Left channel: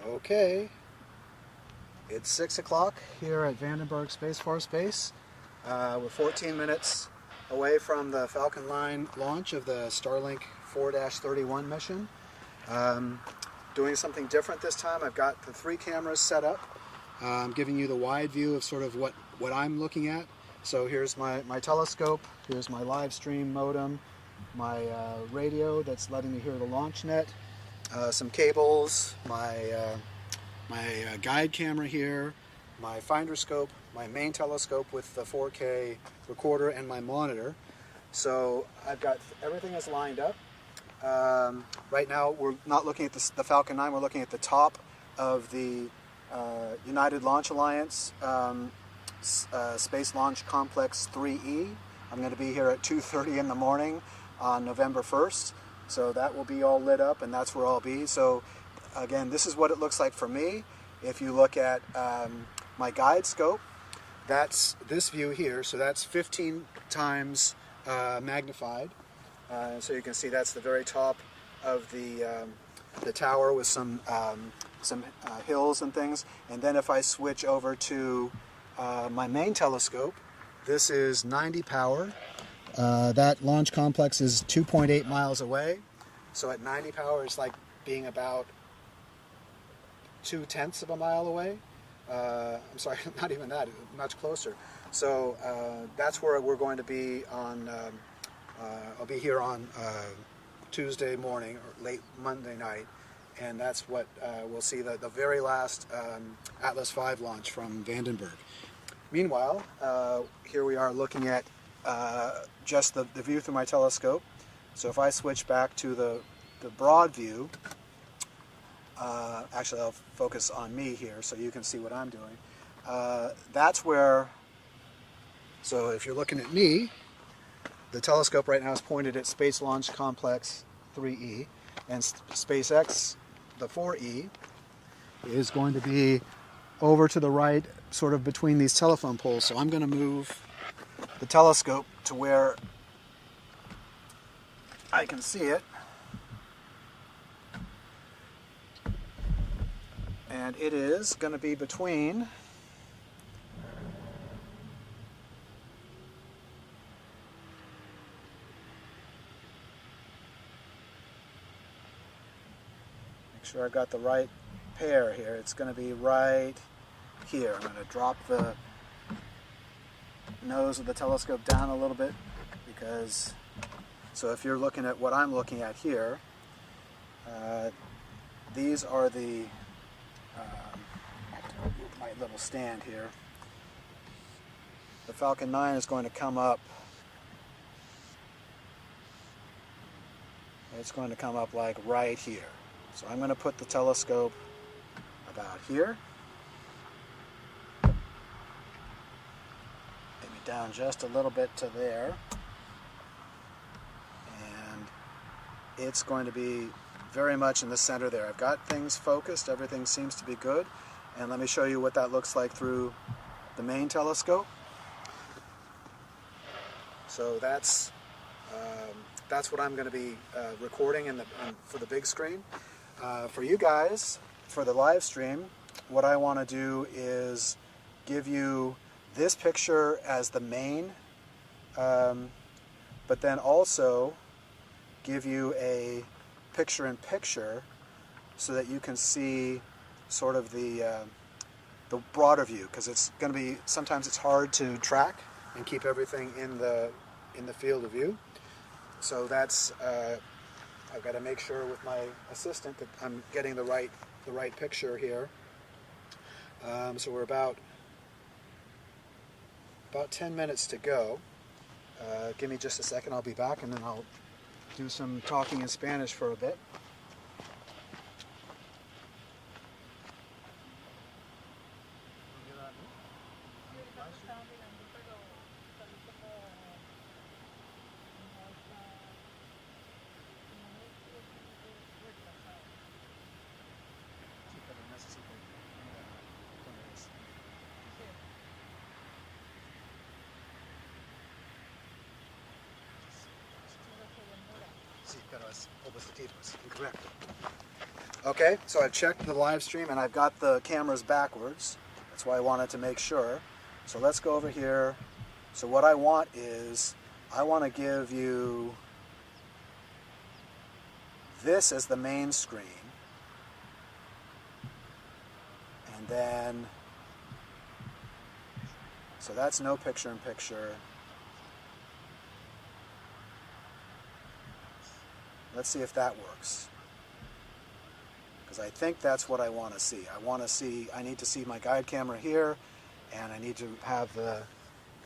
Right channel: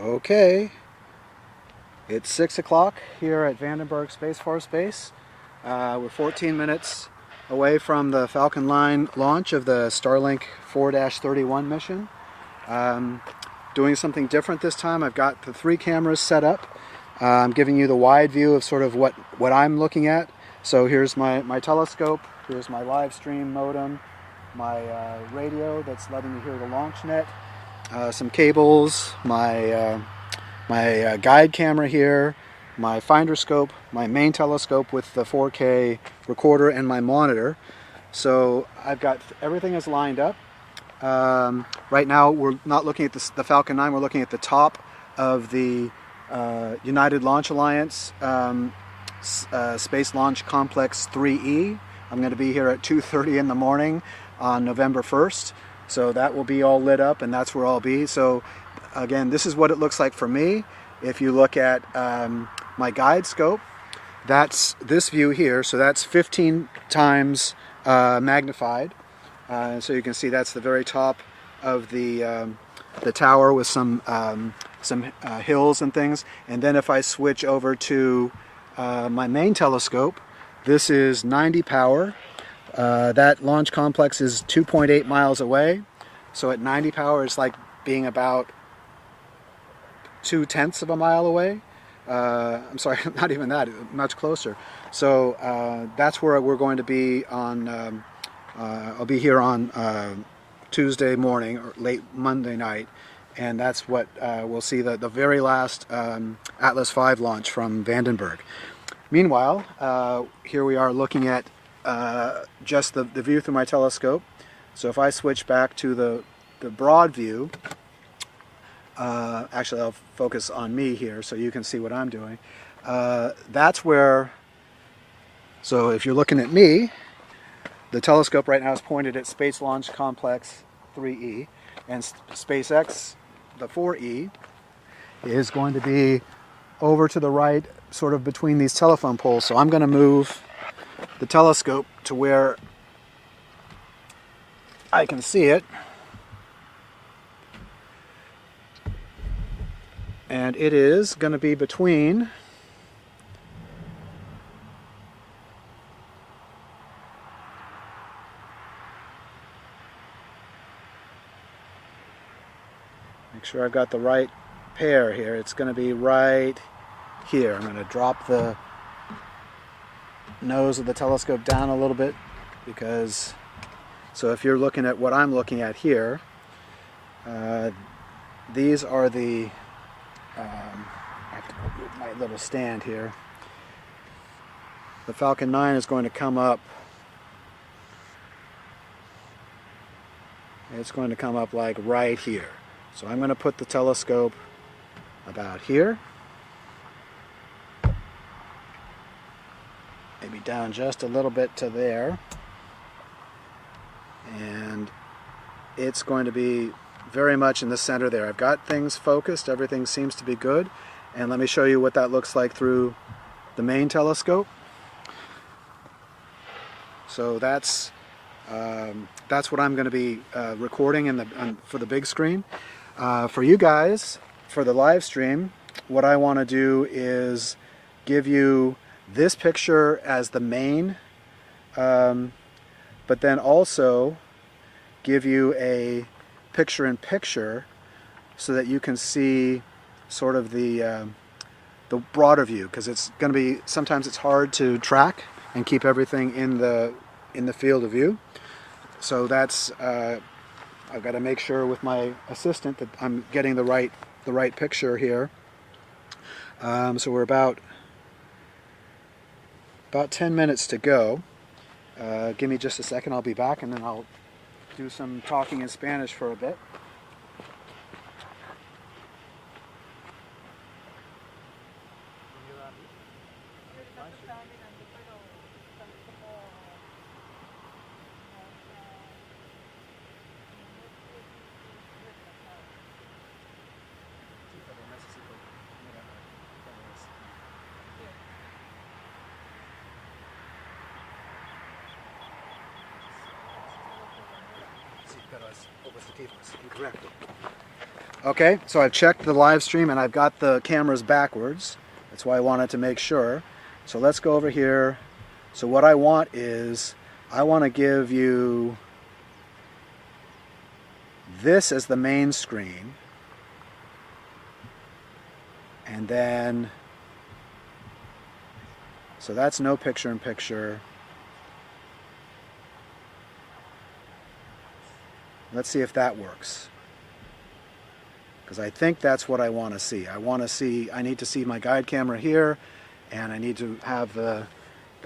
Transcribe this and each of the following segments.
Okay, it's 6 o'clock here at Vandenberg Space Force Base. We're 14 minutes away from the Falcon 9 launch of the Starlink 4-31 mission. Doing something different this time. I've got the 3 cameras set up. I'm giving you the wide view of sort of what I'm looking at. So here's my telescope, here's my live stream modem, my radio that's letting me hear the launch net, some cables, my guide camera here, my finder scope, my main telescope with the 4K recorder, and my monitor. So I've got everything is lined up. Right now we're not looking at the Falcon 9, we're looking at the top of the United Launch Alliance Space Launch Complex 3E. I'm going to be here at 2:30 in the morning on November 1st. So that will be all lit up, and that's where I'll be. So again, this is what it looks like for me. If you look at my guide scope, that's this view here. So that's 15 times magnified. So you can see that's the very top of the tower with some hills and things. And then if I switch over to my main telescope, this is 90 power. That launch complex is 2.8 miles away. So at 90 power, it's like being about 0.2 of a mile away. I'm sorry, not even that, much closer. So that's where we're going to be on, I'll be here on Tuesday morning or late Monday night. And that's what we'll see the very last Atlas V launch from Vandenberg. Meanwhile, here we are looking at just the view through my telescope. So if I switch back to the broad view, actually I'll focus on me here so you can see what I'm doing. That's where, so if you're looking at me, the telescope right now is pointed at Space Launch Complex 3E, and SpaceX, the 4E, is going to be over to the right, sort of between these telephone poles. So I'm going to move the telescope to where I can see it. And it is going to be between make sure I've got the right pair here. It's going to be right here. I'm going to drop the nose of the telescope down a little bit because, so if you're looking at what I'm looking at here, these are the, I have to open my little stand here. The Falcon 9 is going to come up, it's going to come up like right here. So I'm going to put the telescope about here. Maybe down just a little bit to there. And it's going to be very much in the center there. I've got things focused, everything seems to be good. And let me show you what that looks like through the main telescope. So that's what I'm going to be recording for the big screen. For you guys, for the live stream, what I want to do is give you this picture as the main, but then also give you a picture-in-picture so that you can see sort of the broader view, because it's going to be, sometimes it's hard to track and keep everything in the field of view. So that's I've got to make sure with my assistant that I'm getting the right picture here. So we're about 10 minutes to go. Give me just a second, I'll be back, and then I'll do some talking in Spanish for a bit. Okay, so I've checked the live stream and I've got the cameras backwards. That's why I wanted to make sure. So let's go over here. So what I want is, I want to give you this as the main screen. And then, so that's no picture-in-picture. Let's see if that works. Because I think that's what I want to see. I need to see my guide camera here, and I need to have the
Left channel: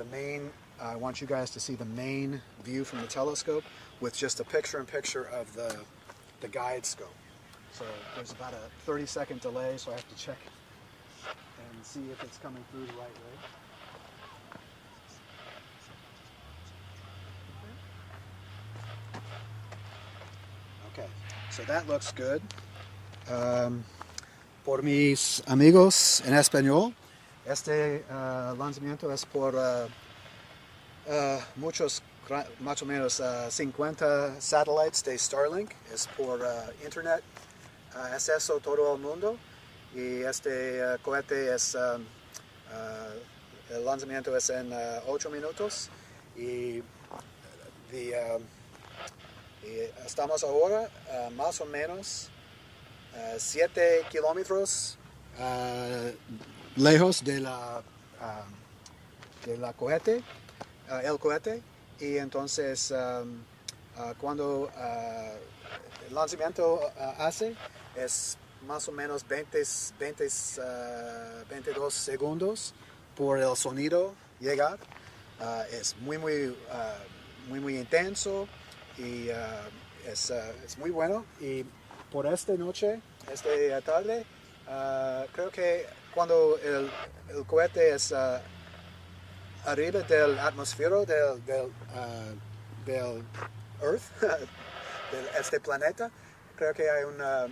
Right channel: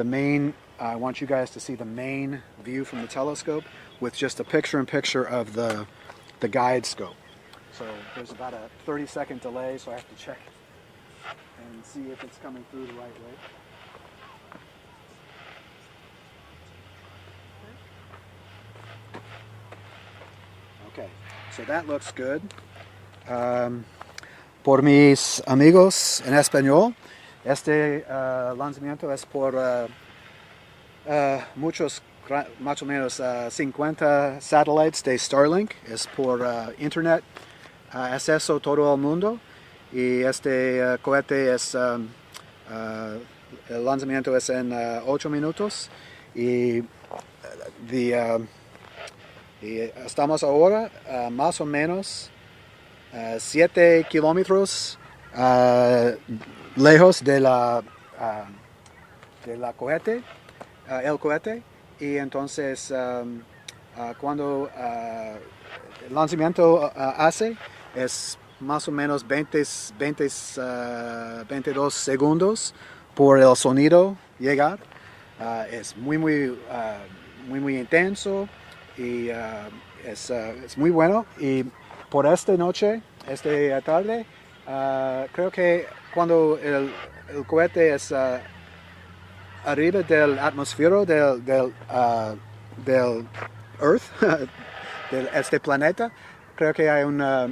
main, I want you guys to see the main view from the telescope with just a picture-in-picture of the guide scope. So there's about a 30-second delay, so I have to check and see if it's coming through the right way. Okay, so that looks good. Por mis amigos en español, este lanzamiento es por muchos, más o menos 50 satellites de Starlink. Es por internet, acceso todo el mundo. Y este cohete es, el lanzamiento es en 8 minutos. Y estamos ahora más o menos 7 kilómetros lejos de la cohete, el cohete, y entonces cuando el lanzamiento hace es más o menos 22 segundos por el sonido llegar. Es muy intenso y es muy bueno. Y por esta noche, esta tarde, creo que cuando el cohete es arriba del atmósfero del Earth, de este planeta, creo que hay una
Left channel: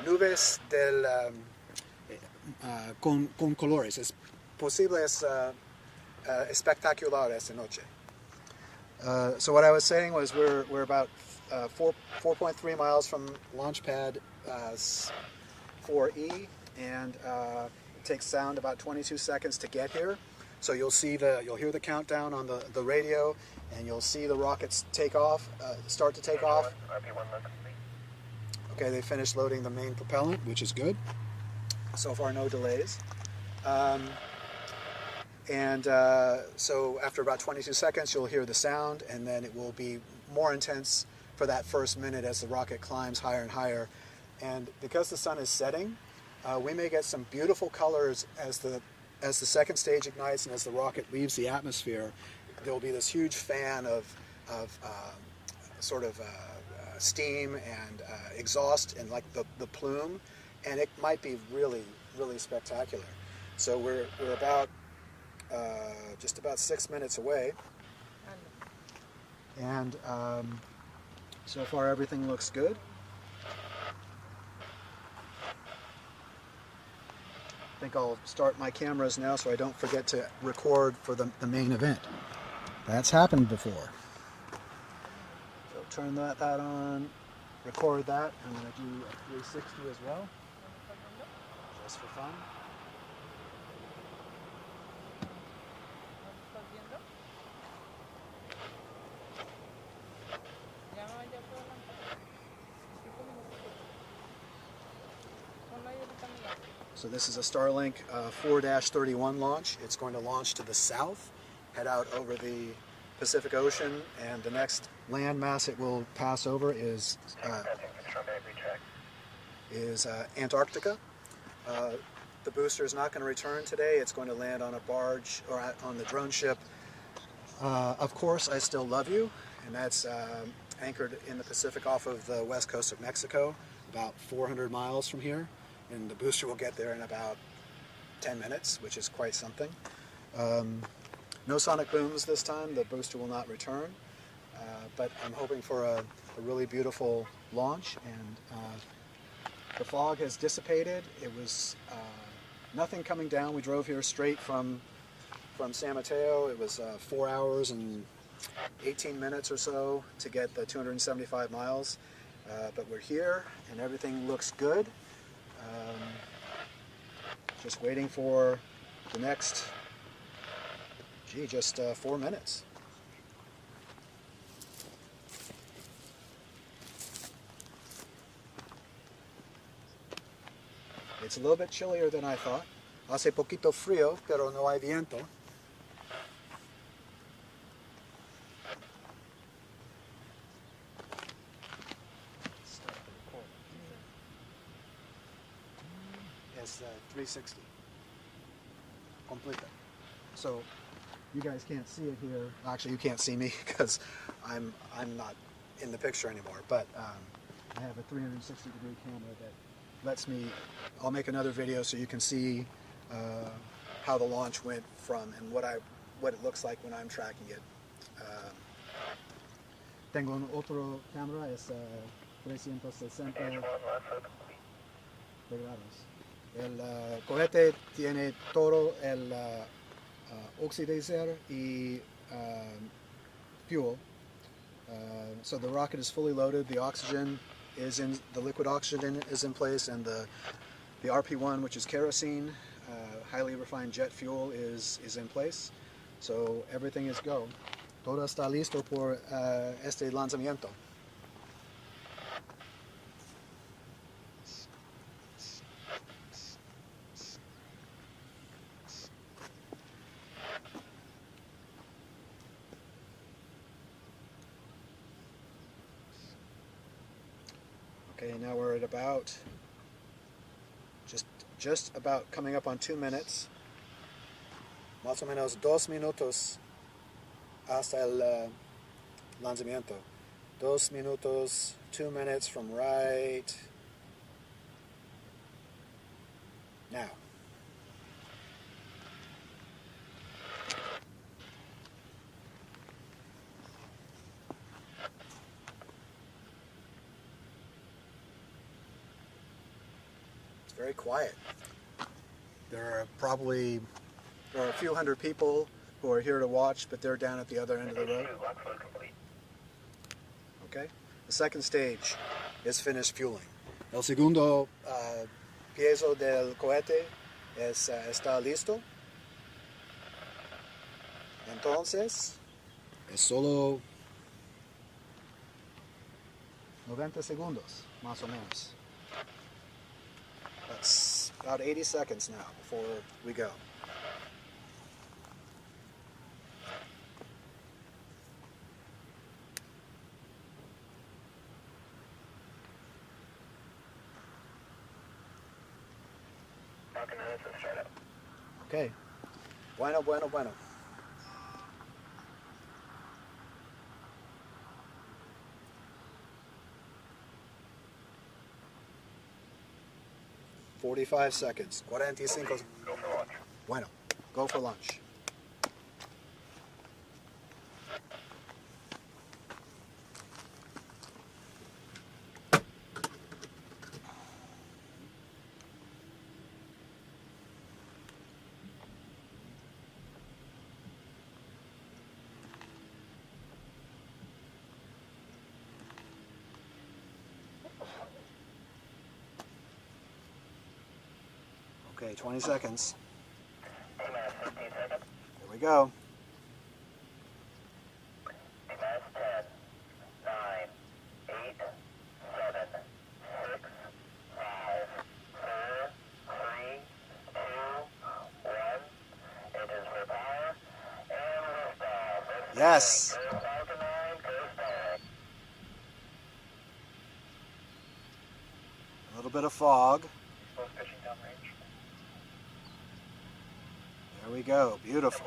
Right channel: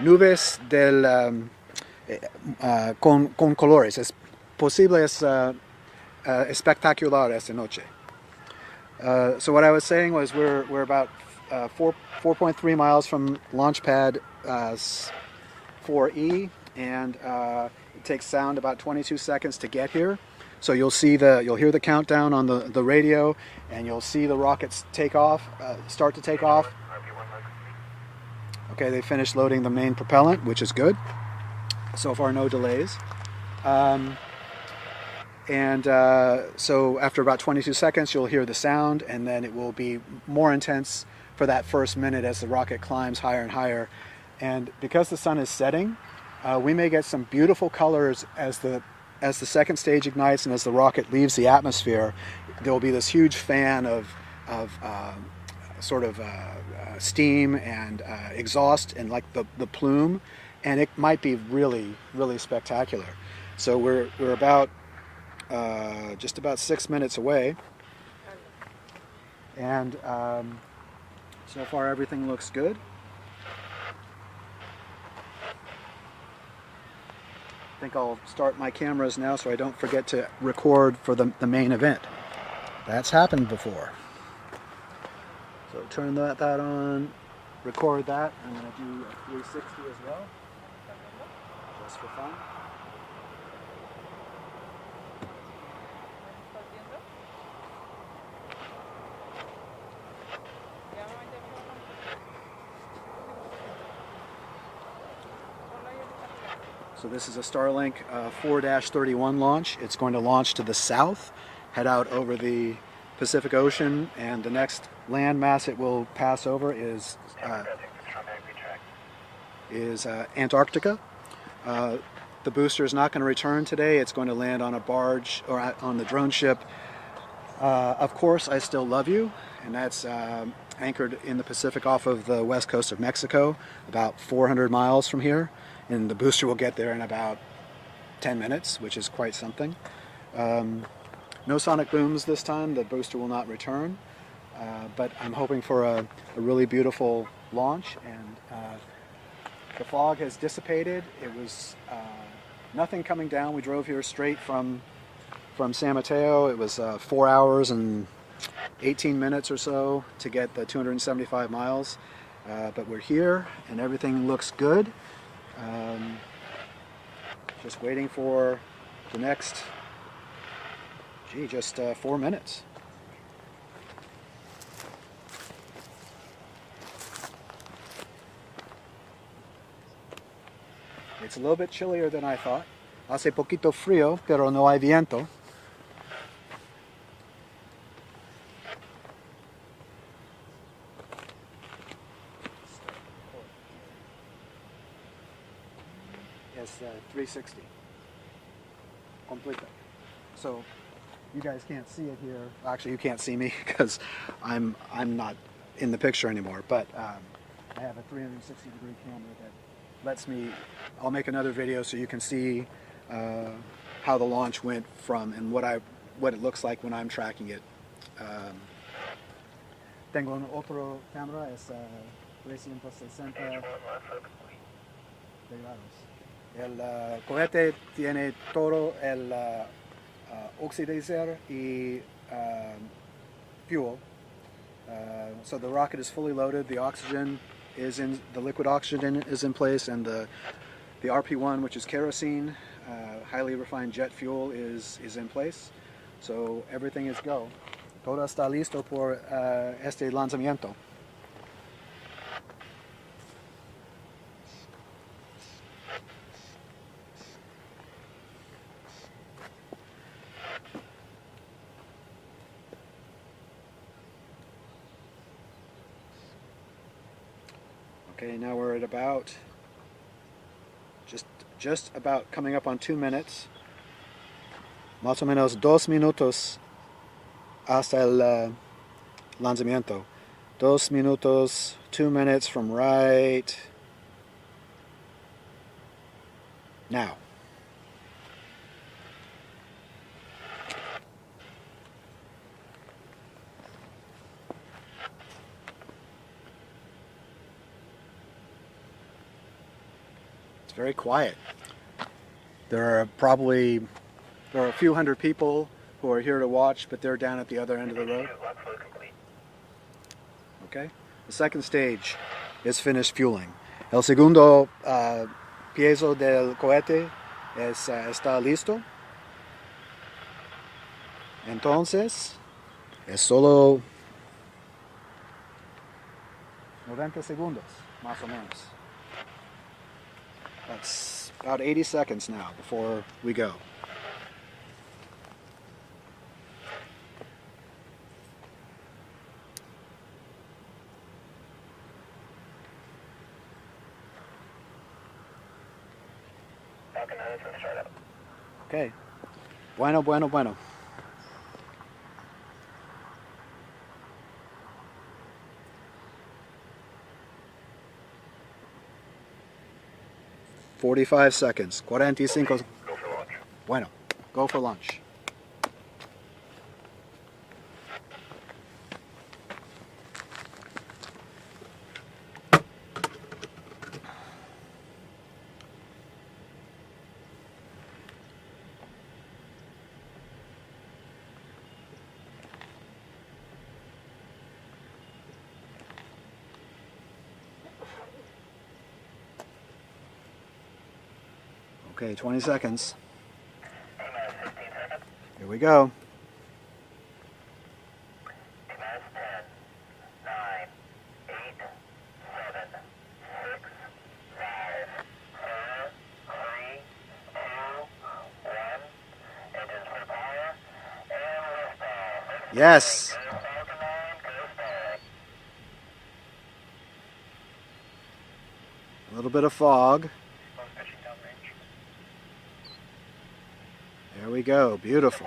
nubes con colores. Es posible, es espectacular esta noche. So what I was saying was we're about 4.3 miles from launch pad 4E, and it takes sound about 22 seconds to get here. So you'll hear the countdown on the radio, and you'll see the rockets take off, start to take off. Okay, they finished loading the main propellant, which is good. So far, no delays. So after about 22 seconds, you'll hear the sound, and then it will be more intense for that first minute as the rocket climbs higher and higher. And because the sun is setting, we may get some beautiful colors as the second stage ignites and as the rocket leaves the atmosphere. There will be this huge fan of steam and exhaust and like the plume, and it might be really, really spectacular. So we're about just about 6 minutes away, and so far everything looks good. I think I'll start my cameras now so I don't forget to record for the main event. That's happened before. So turn that on, record that, and I'll do 360 as well. Just for fun. So this is a Starlink 4-31 launch. It's going to launch to the south, head out over the Pacific Ocean, and the next land mass it will pass over is Antarctica. The booster is not going to return today. It's going to land on a barge or on the drone ship. Of course, I Still Love You, and that's anchored in the Pacific off of the west coast of Mexico, about 400 miles from here. And the booster will get there in about 10 minutes, which is quite something. No sonic booms this time. The booster will not return. But I'm hoping for a really beautiful launch. And the fog has dissipated. It was nothing coming down. We drove here straight from San Mateo. It was 4 hours and 18 minutes or so to get the 275 miles. But we're here and everything looks good. Just waiting for the next, just 4 minutes. It's a little bit chillier than I thought. Hace poquito frío, pero no hay viento. It's 360. Completely. So you guys can't see it here. Actually, you can't see me because I'm not in the picture anymore. But I have a 360-degree camera that lets me. I'll make another video so you can see how the launch went from and what it looks like when I'm tracking it. Tengo un otro cámara, es 360 de grados. El cohete tiene todo el oxidizer y fuel. So the rocket is fully loaded. The oxygen is in, the liquid oxygen is in place, and the RP1, which is kerosene, highly refined jet fuel, is in place. So everything is go. Todo está listo por este lanzamiento. Okay, now we're at about just about coming up on 2 minutes. Más o menos 2 minutos hasta el lanzamiento. 2 minutos, 2 minutes from right now. It's very quiet. There are a few hundred people who are here to watch, but they're down at the other end of the road. Okay. The second stage is finished fueling. El segundo piezo del cohete está listo. Entonces, es solo 90 segundos, más o menos. That's about 80 seconds now before we go. Okay. Bueno. 45 seconds. 45. Bueno. Go for lunch. Okay, 20 seconds. Here we go. 10, 9, 8, 7, 6, 5, 4, 3, 2, 1. Engines for power and liftoff. Yes. A little bit of fog. There we go. Beautiful.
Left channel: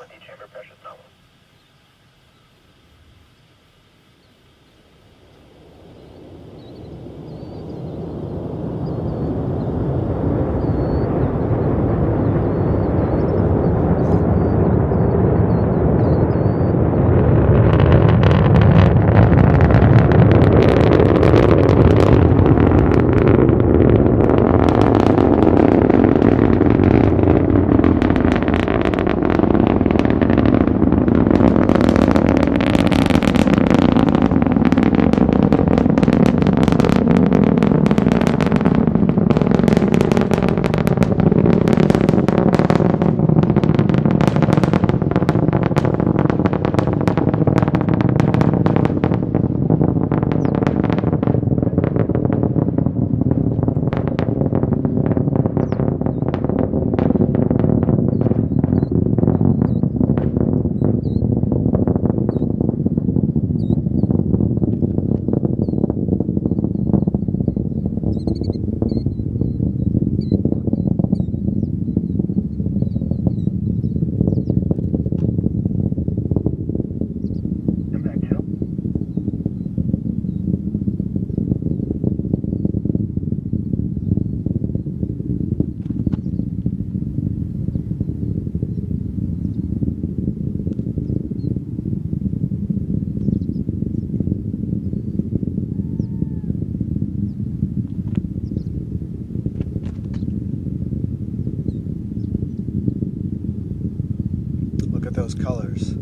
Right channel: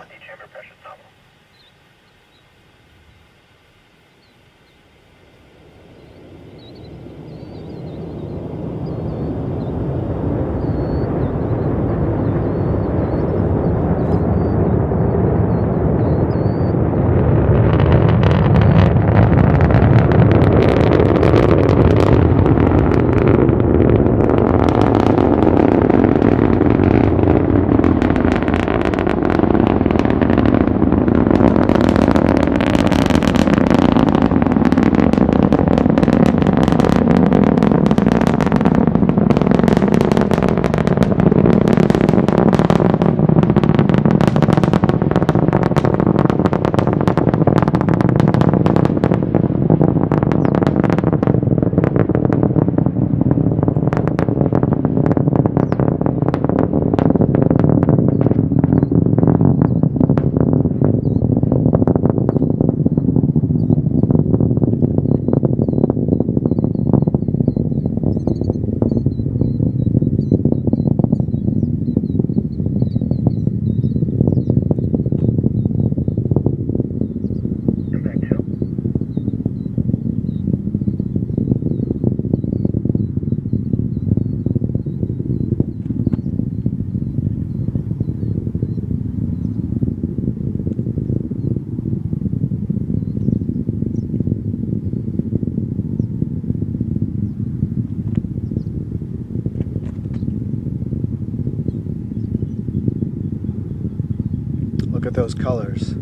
those colors.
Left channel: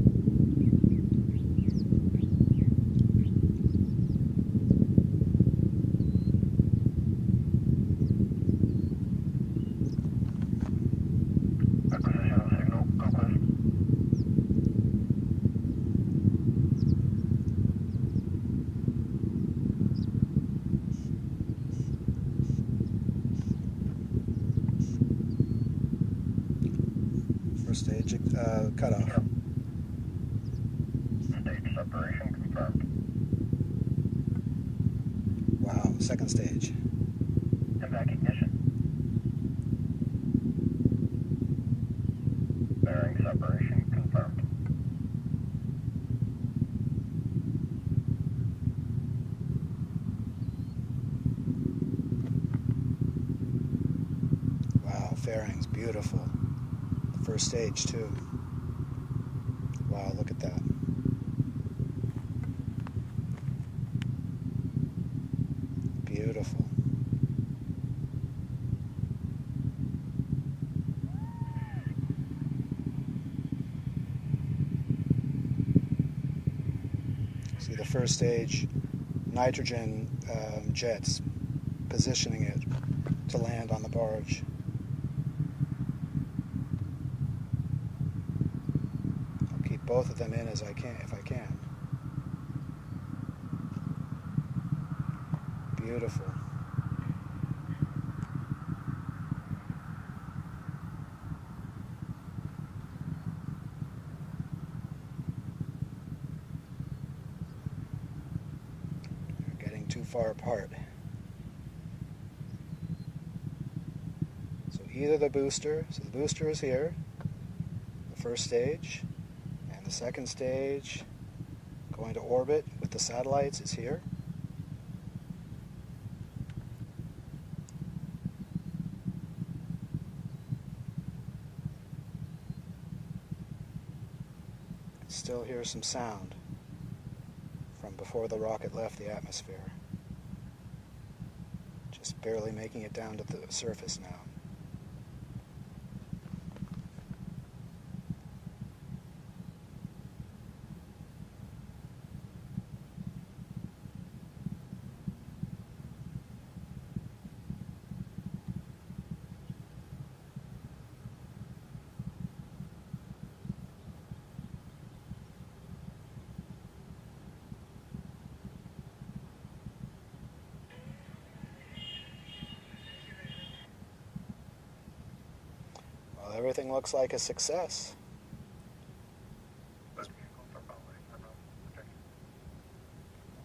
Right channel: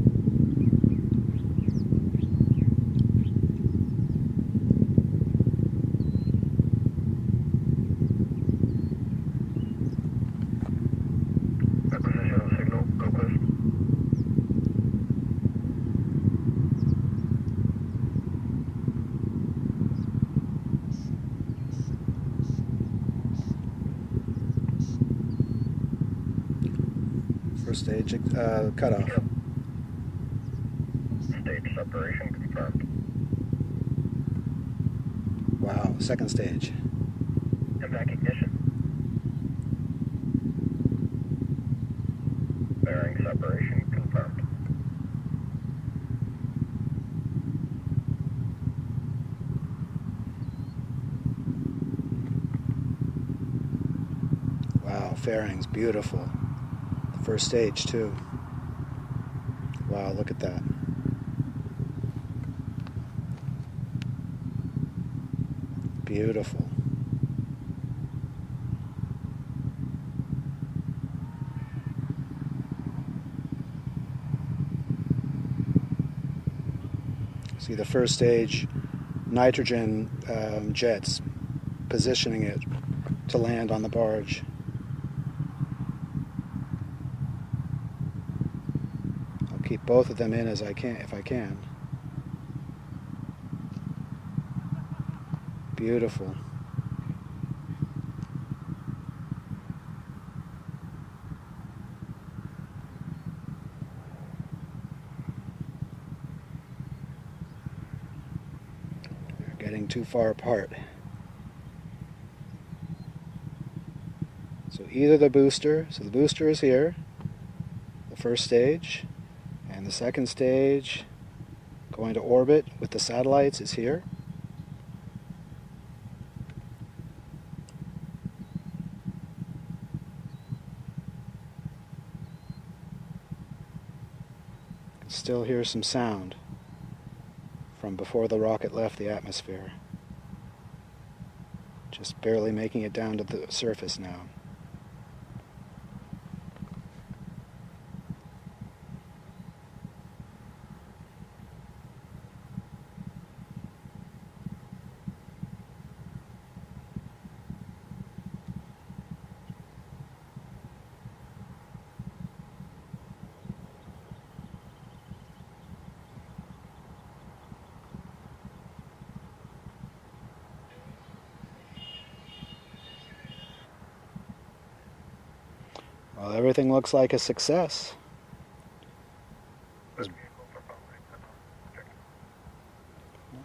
Acquisition of the signal, ProQuest. First stage cutoff. Yep. Stage separation confirmed. Wow, second stage. MVAC ignition. Bearing separation confirmed. Wow, fairings, beautiful. First stage too. Wow, look at that. Beautiful. See the first stage nitrogen jets positioning it to land on the barge. I'll keep both of them in as I can, if I can. Beautiful. They're getting too far apart. So either the booster is here, the first stage, and the second stage going to orbit with the satellites is here. Still hear some sound from before the rocket left the atmosphere. Just barely making it down to the surface now. Well, everything looks like a success.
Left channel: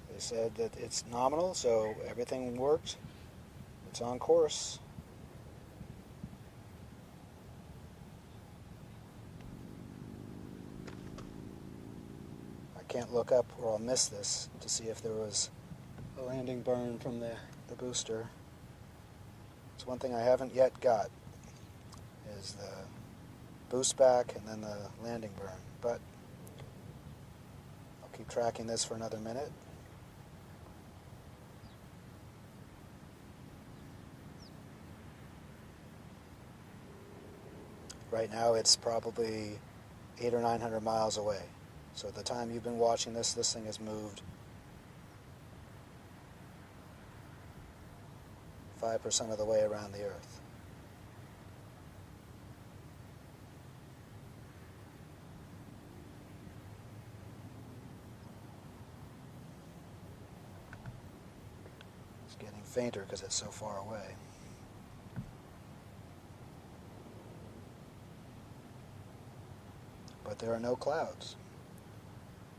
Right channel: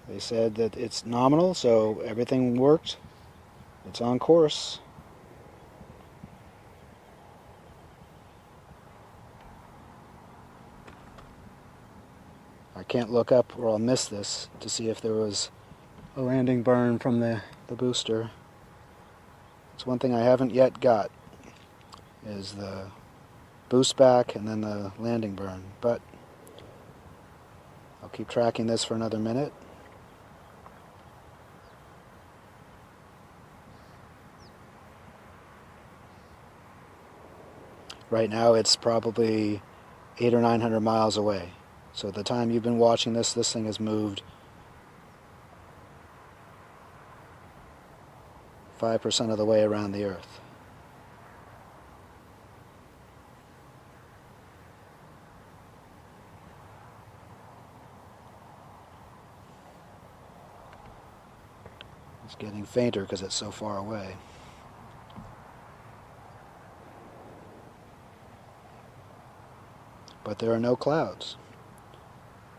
They said that it's nominal, so everything worked. It's on course. I can't look up or I'll miss this to see if there was a landing burn from the booster. It's one thing I haven't yet got, is the boost back and then the landing burn. But I'll keep tracking this for another minute. Right now it's probably 800 or 900 miles away. So the time you've been watching this thing has moved 5% of the way around the Earth. It's getting fainter because it's so far away. But there are no clouds.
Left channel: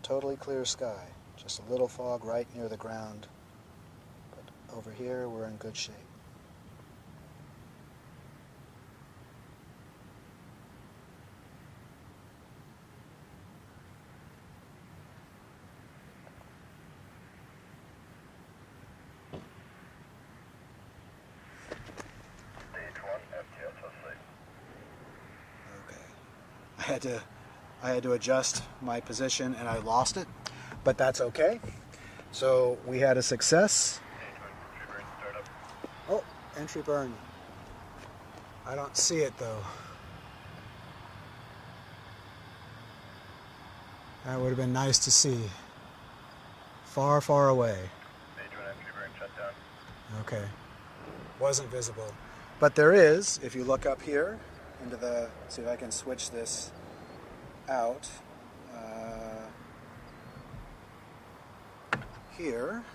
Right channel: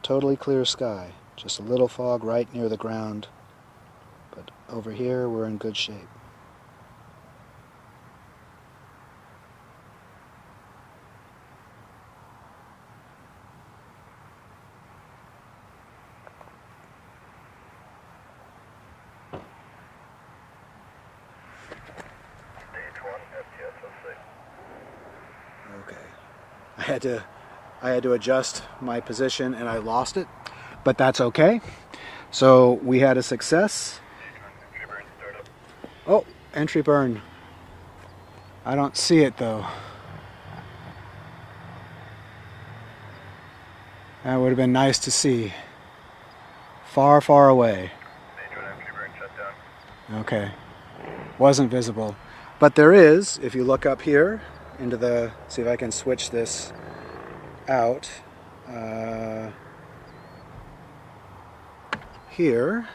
Totally clear sky. Just a little fog right near the ground. But over here we're in good shape. Okay. I had to adjust my position and I lost it, but that's okay. So we had a success. Oh, entry burn. I don't see it though. That would have been nice to see. Far, far away. Okay. Wasn't visible. But there is, if you look up here, into the, see if I can switch this out. Here,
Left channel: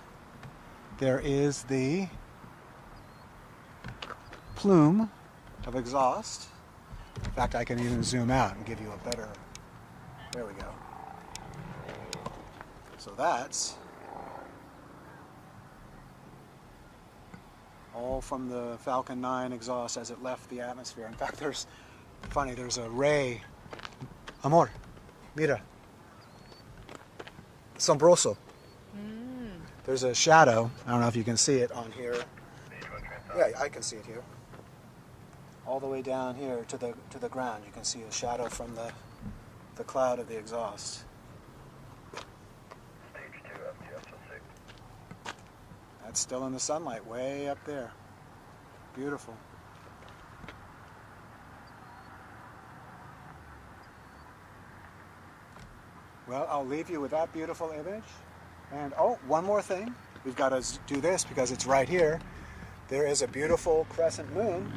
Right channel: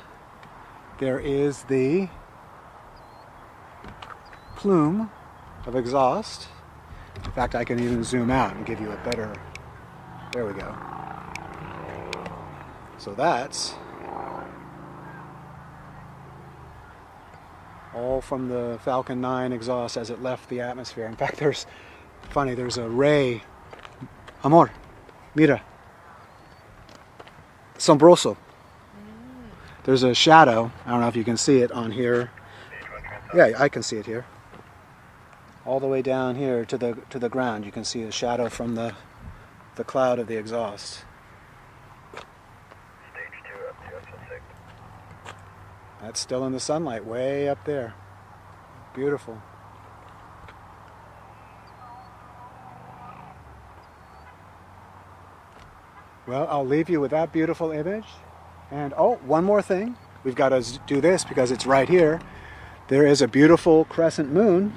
there is the plume of exhaust. In fact, I can even zoom out and give you a better, there we go. So that's all from the Falcon 9 exhaust as it left the atmosphere. In fact, there's a ray. Amor, mira. Sombroso. There's a shadow. I don't know if you can see it on here. Yeah, I can see it here. All the way down here to the ground, you can see a shadow from the cloud of the exhaust. Stage 2 up to SO6. That's still in the sunlight, way up there. Beautiful. Well, I'll leave you with that beautiful image. And oh, one more thing. We've got to do this because it's right here. There is a beautiful crescent moon.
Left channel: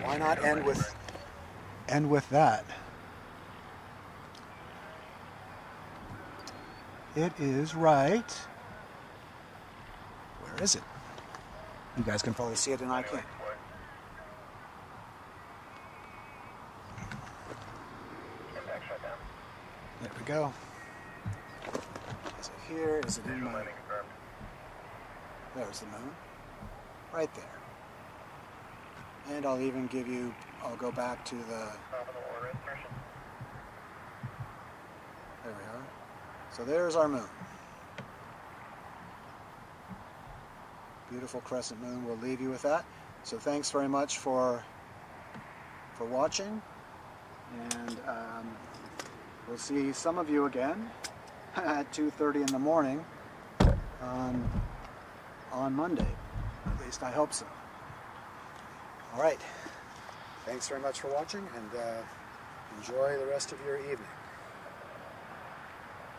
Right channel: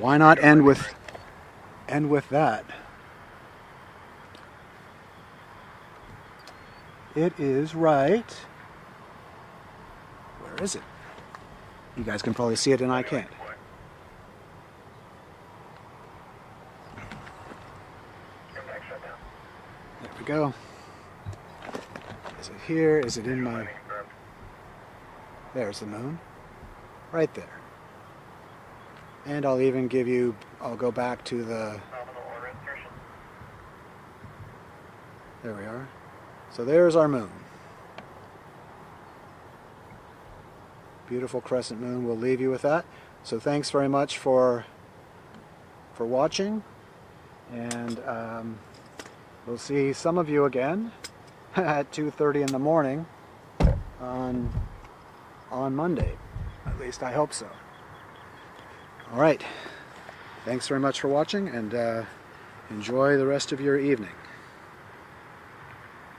Why not end with that? It is right. Where is it? You guys can probably see it and I can't. Impact shutdown. There we go. Is it here? Is it in my... There's the moon. Right there. And I'll even give you... I'll go back to the... Nominal order insertion. There we are. So there's our moon. Beautiful crescent moon. We'll leave you with that. So thanks very much for watching. And we'll see some of you again at 2:30 in the morning on Monday. At least I hope so. All right. Thanks very much for watching, and enjoy the rest of your evening.